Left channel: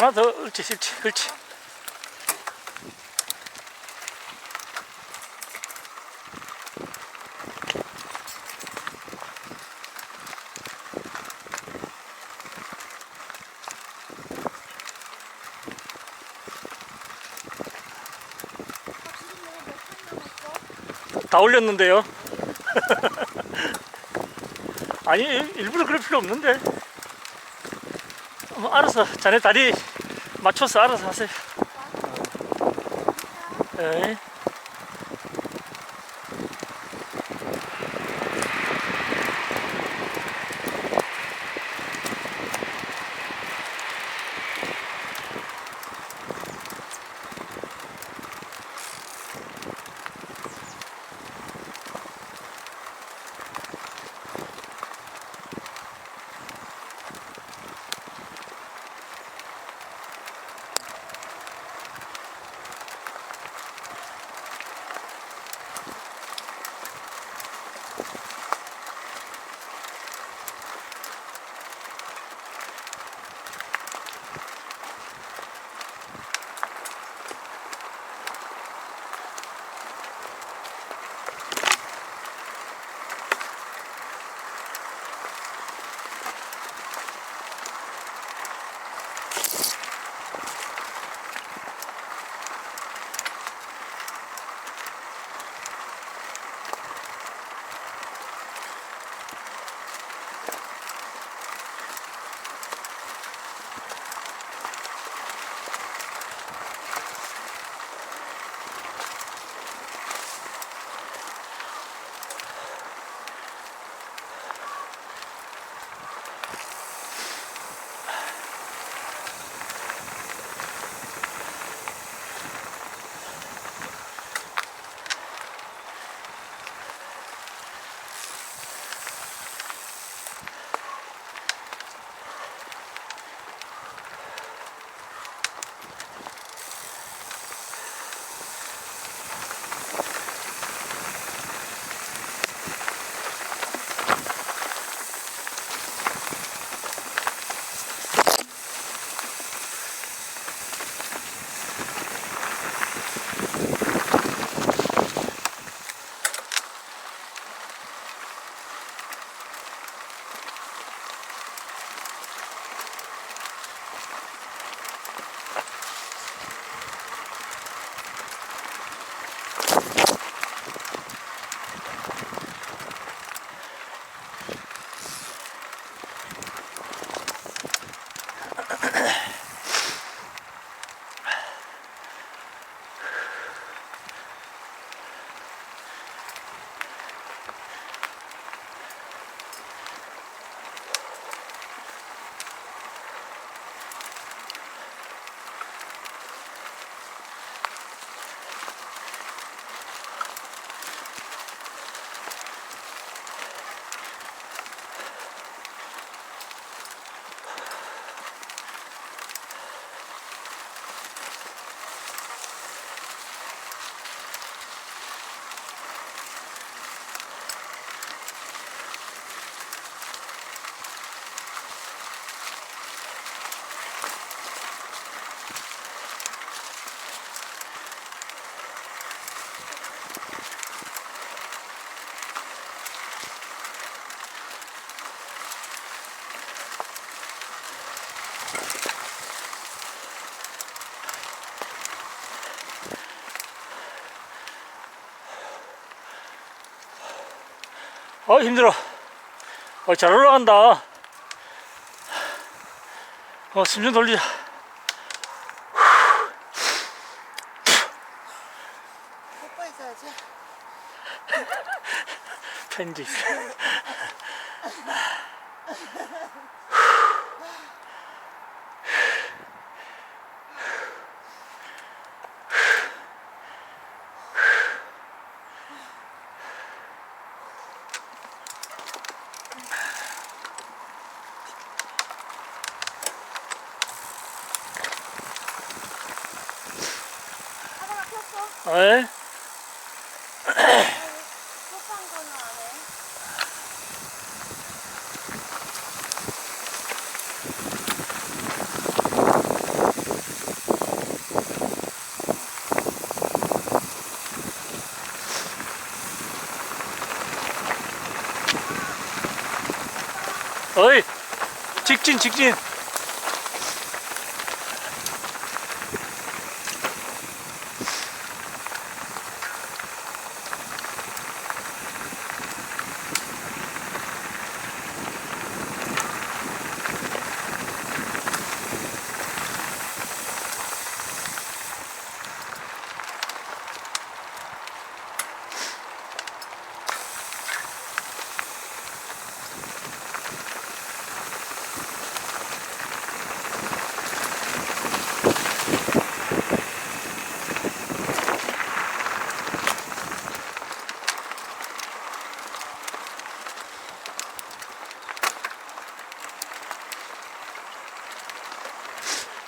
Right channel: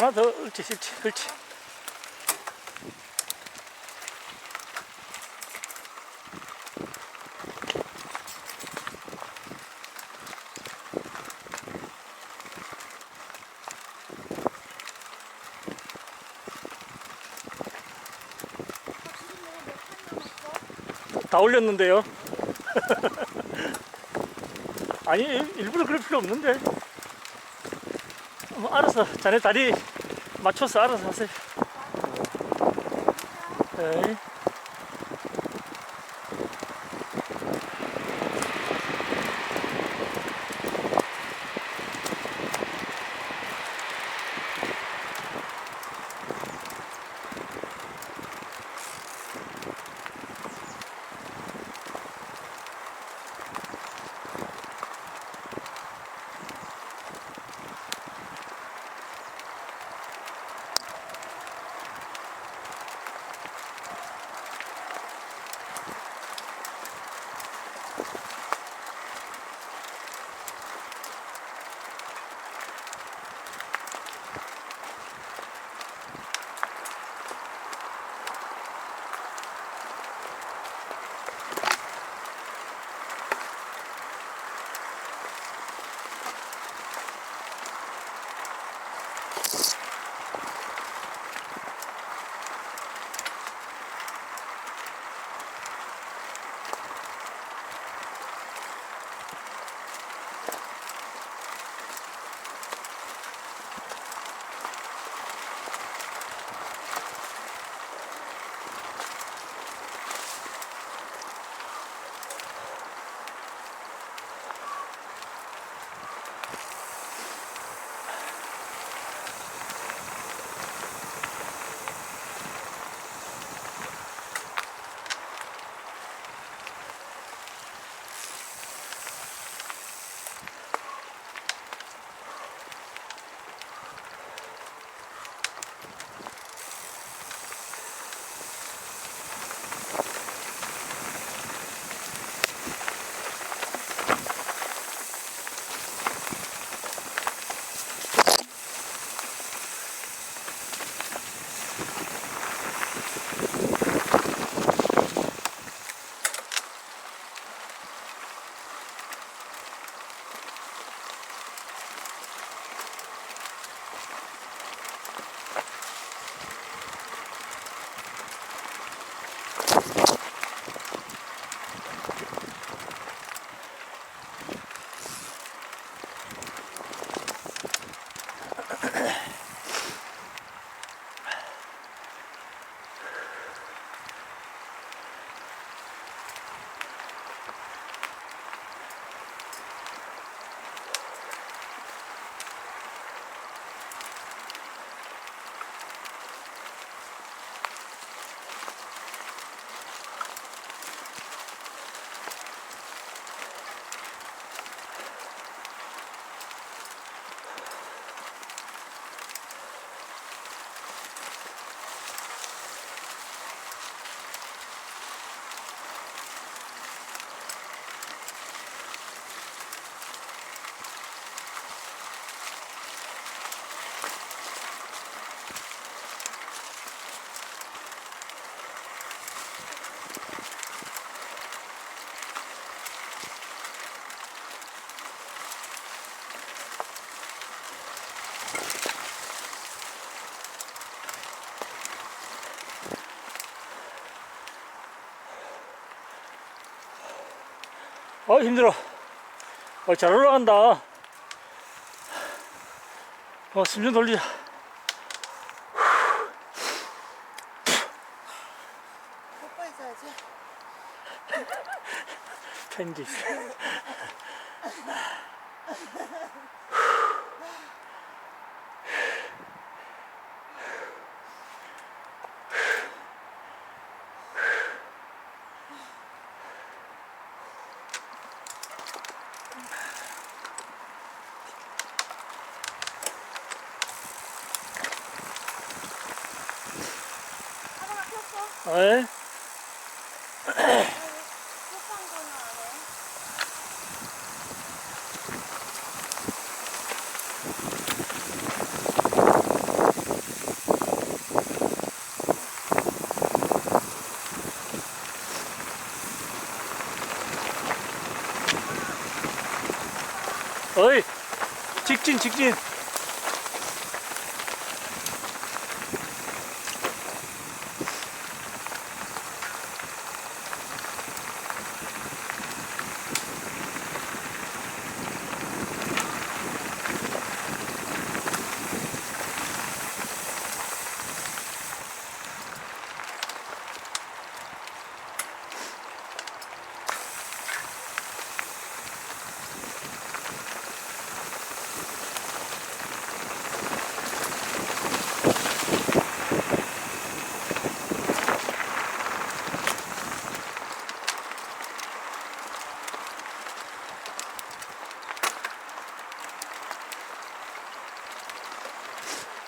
하나 더, 옳지, 옳지, 그렇지. 다 올렸는데요. 아니, 일부러 그럴 필요 없는데. 알아서 자네 다리 맞춰서 알아서 하세요. 네. 힘들어. 잘 올라간다. 숨 좀 돌리자. 뽀뽀 있어야지. 편지. 하다가 폈어. 에? 뽀뽀한 거는 안 해. 직진 직진.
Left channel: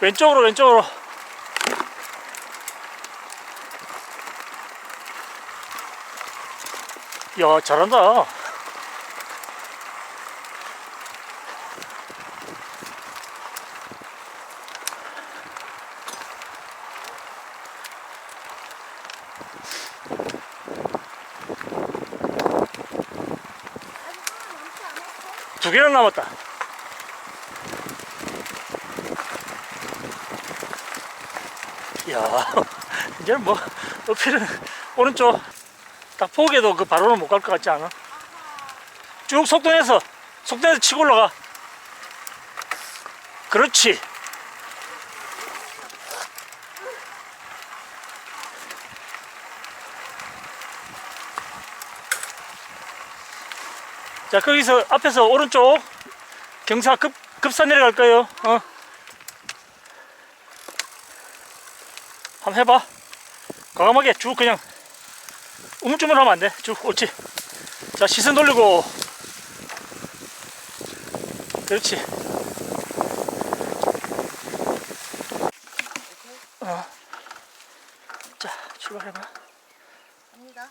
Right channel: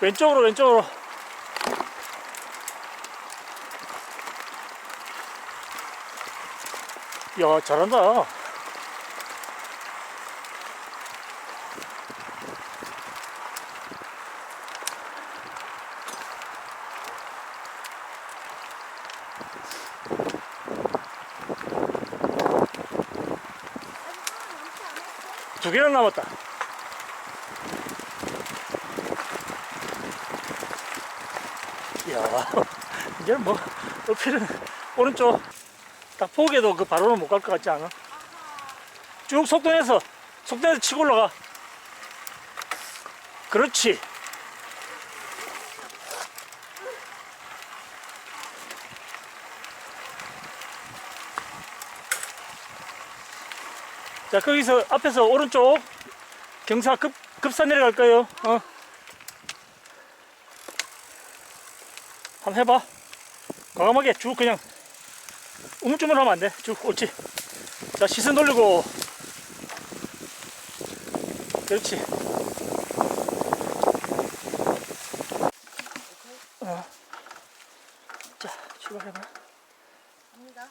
왼쪽으로 왼쪽으로. 야, 잘한다. 두 개나 남았다. 야, 이제 뭐 어필은 오른쪽 딱 포기해도 그 바로는 못 갈 것 같지 않아? 쭉 속도내서 치고 올라가. 그렇지. 자, 거기서 앞에서 오른쪽 경사 급산 내려갈 거예요. 한번 해봐. 과감하게 쭉 그냥 우물쭈물 하면 안 돼. 쭉 옳지. 자, 시선 돌리고. 그렇지. 자, 출발해봐. 갑니다.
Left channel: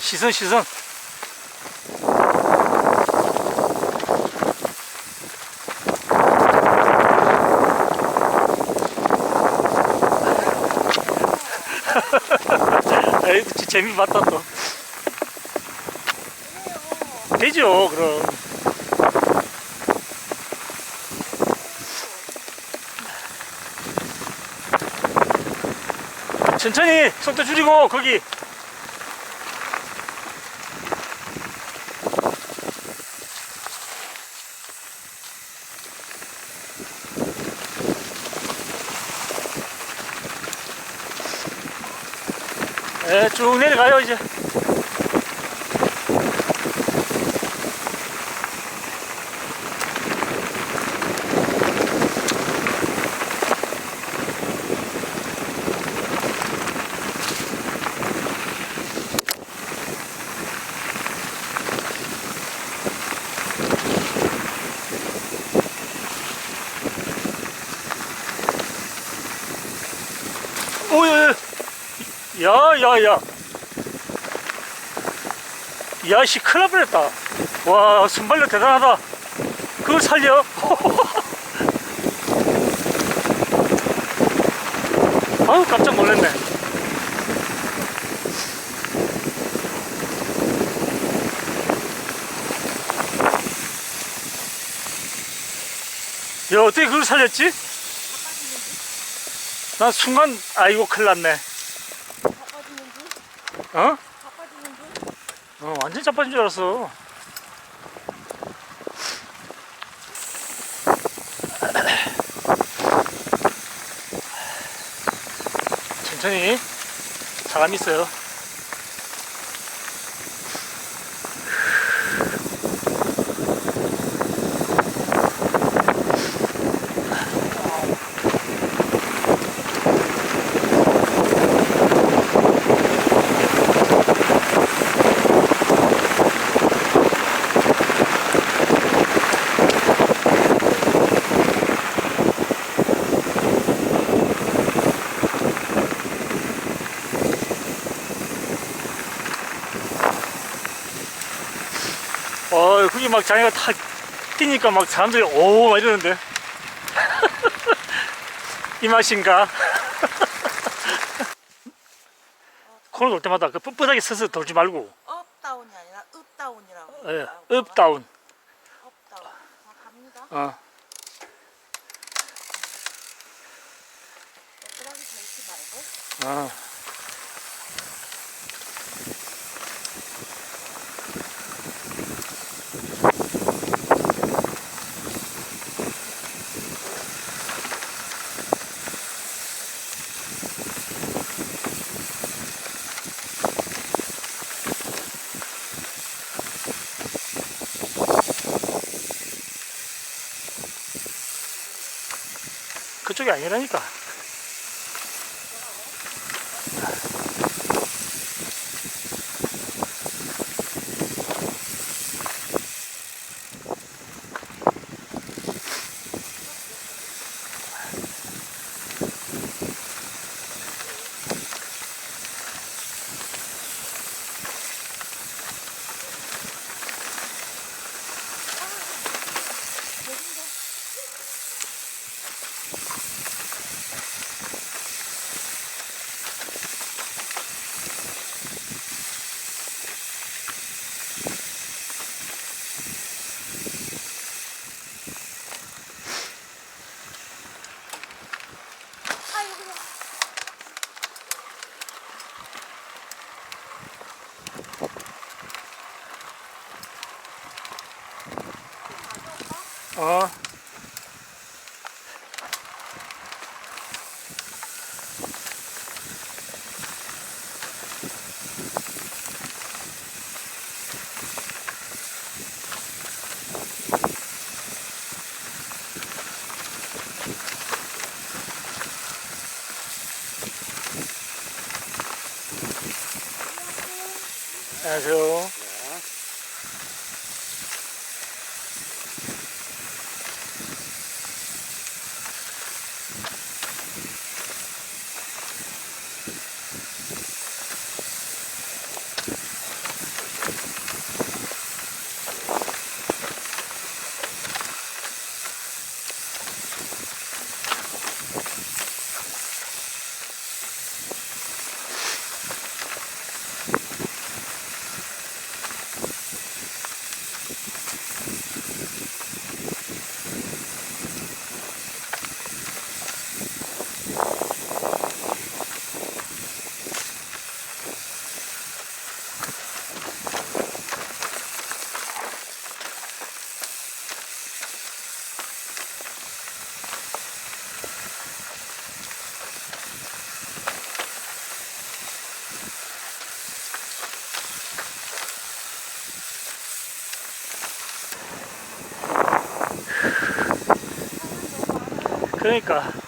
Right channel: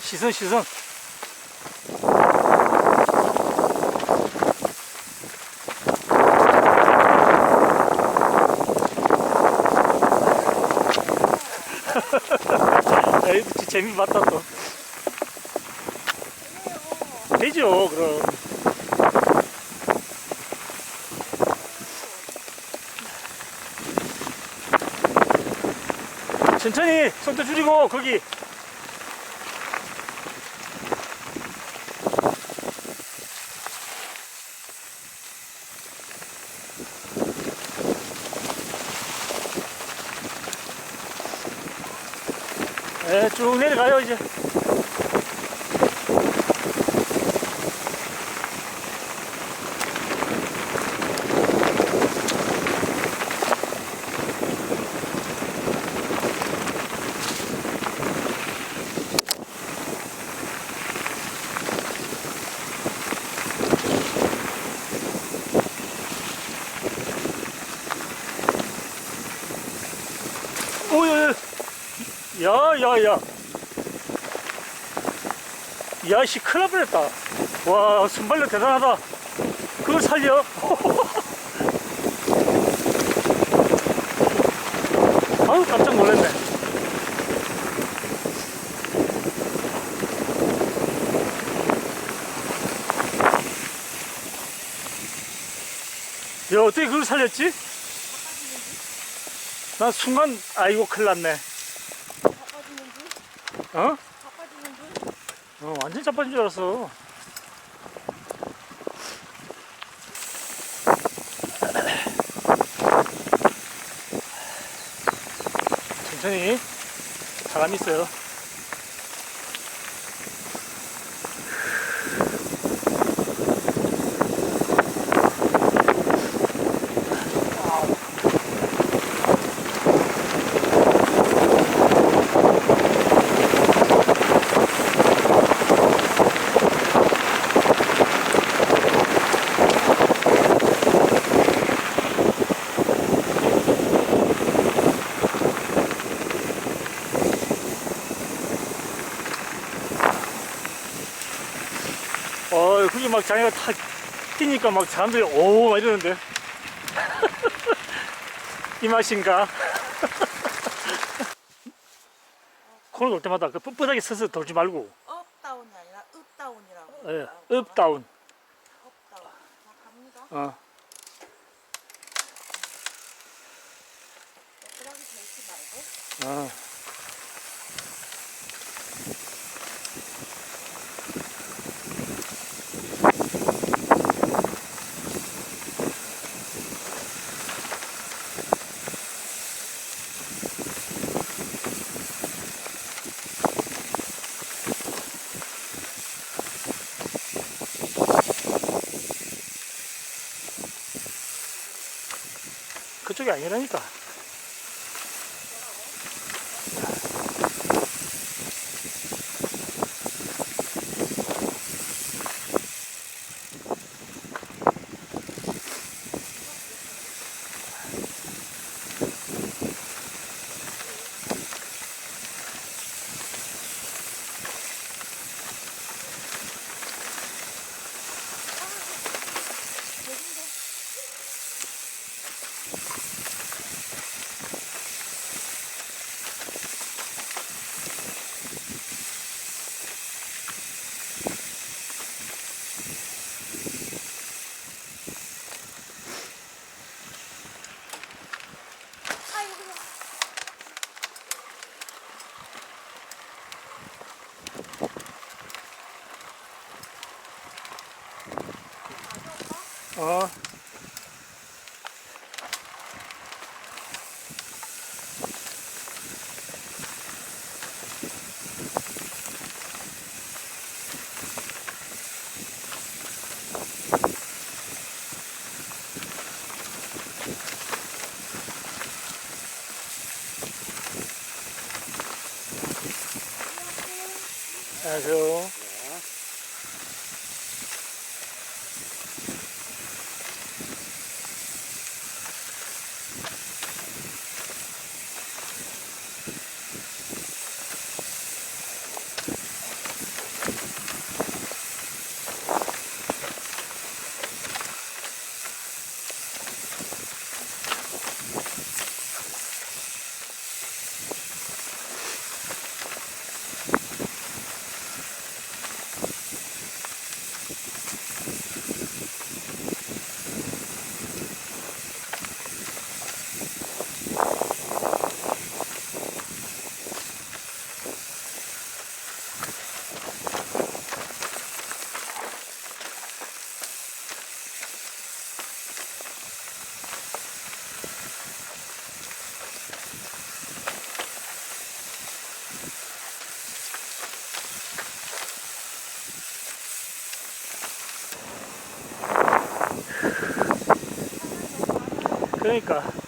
시선. 에이, 재미 봤다 또. 되죠, 그럼. 천천히 속도 줄이고 거기. 네, 쭉 내려가요 이제. 오야, 야야야, 야씨 큰일 날 뻔했다. 와, 순발력 대단하다. 그걸 살려. 아유, 깜짝 놀랐네. 야, 어떻게 그걸 살렸지? 난 순간 아이고 큰일 났네. 바빠지는지? 어? 바빠지는지? 완전 자빠진 줄 알았어. 천천히. 사람 있어요. 그게 막 자기가 탁 뛰니까 막 사람들이 오 막 이러는데. 이 맛인가? 코너 돌 때마다 그 뻣뻣하게 서서 돌지 말고. 업다운이 아니라 읍다운이라고 예, 해요. 업다운. 업다운. 자, 갑니다. 어. 뻣뻣하게 서 있지 말고. 어. 그쪽이 아니라니까. 여긴데. 아이고, 그냥. 어. 안녕하세요. 그러니까